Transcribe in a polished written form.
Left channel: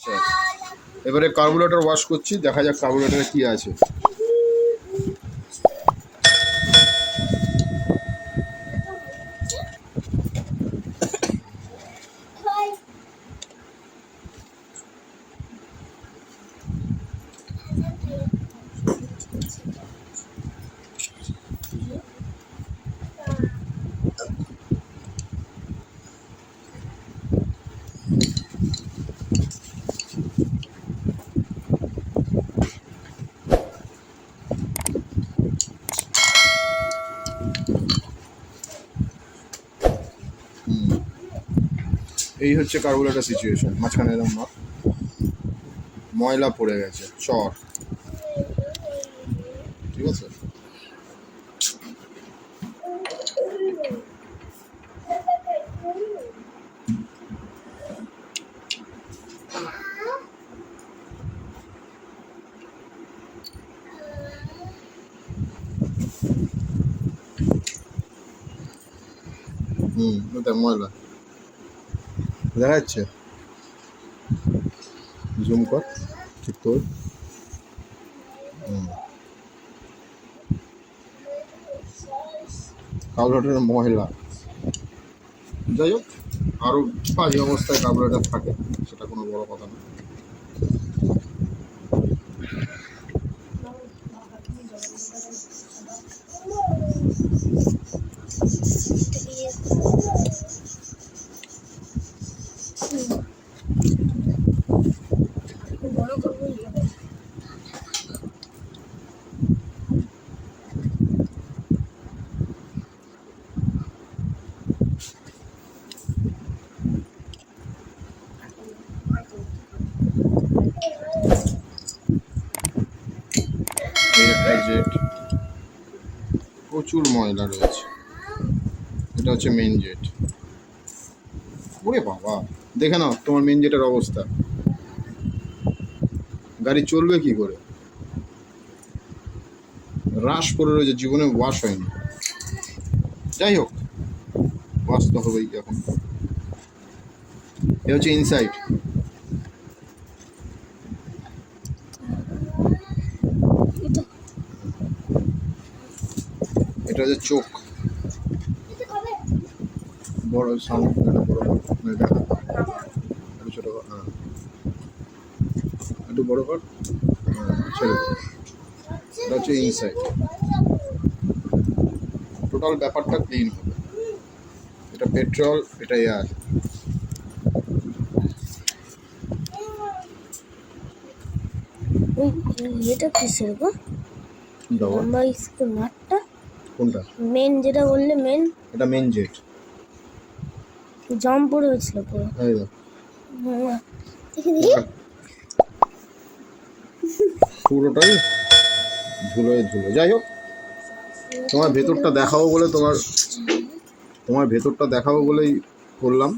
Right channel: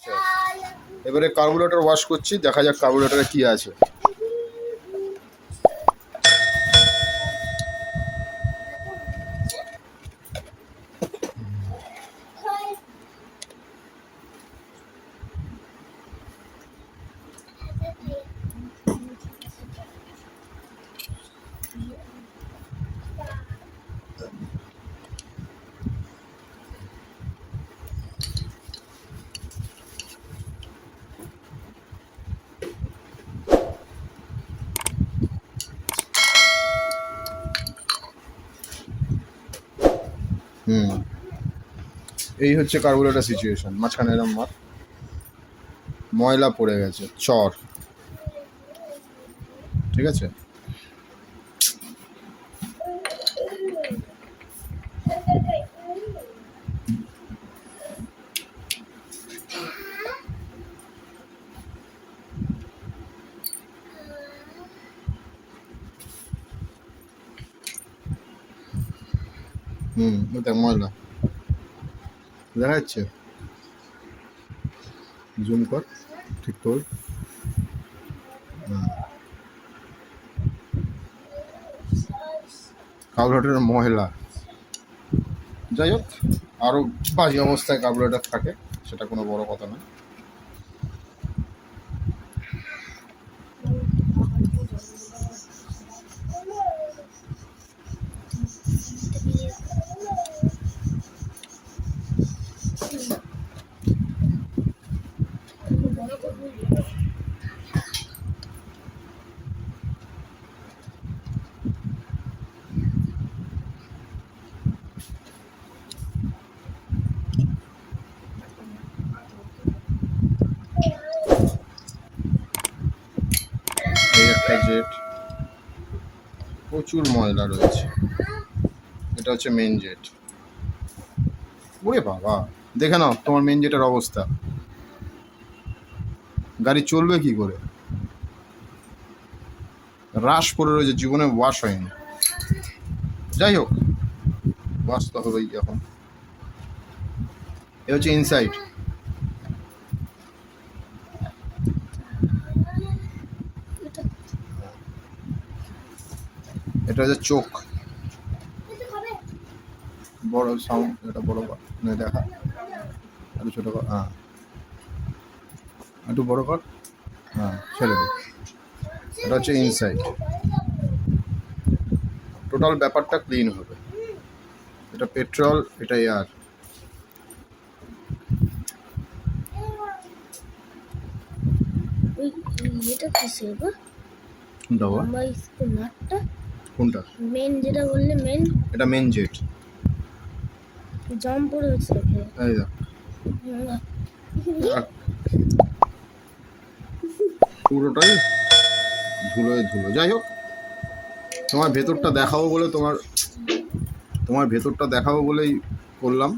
আচ্ছা, এবারে carburettor wash করছি, দেখা যাক কার্বুরেটরে কি আছে। এই হচ্ছে কার্বুরেটর সিচুয়েশন। মাঝখানে এরকম ময়লা পড়ে গেছে, চর, ঠিক আছে। দেখ ময়লা দেখা যাচ্ছে, জুম কর, ঠিক তোর। কার্বুরেটরের ময়লা, যাই হোক, আরও বাজে অবস্থায় কার্বুরেটর থাকে, সেটা কোনো বড় কথা না। এই একটা জেট, প্রচুর ময়লা রয়েছে। এটা হচ্ছে মেন জেট। ওরে বাবা, দেখে নাও তোমার মেন জেটের অবস্থা। গাড়ি চলবে কি করে? রাশ পড়ে রয়েছে, জীবনে ওয়াশ হয়নি। যাই হোক, ওয়াশ তো হবেই এখন। এ হচ্ছে ইনসাইড। এটা হচ্ছে চোখ, বড় সাউন্ড, এটা বড় কর, দেখা একটু ছোটো কর, হ্যাঁ একটু বড় কর, হ্যাঁ ছেড়ে দেবে। এটা হচ্ছে ইনসাইড। টোটাল ব্যাপারটা ক্লিন হবে। এটা পেট্রোল, এটা এয়ার। এটা কিসের গো? দাও নাটটা কোনটা? মেন যেটা বললে মেন, এটা মেন জেট। জাম পড়ে হচ্ছে পুরো। এই দেখো, পুরোটাই ধুলোয় ধুলো। যাই হোক, তোমার ভেতরটা দেখাবো বলে, তোমার ভেতরটা দেখাবো বলেই করলাম।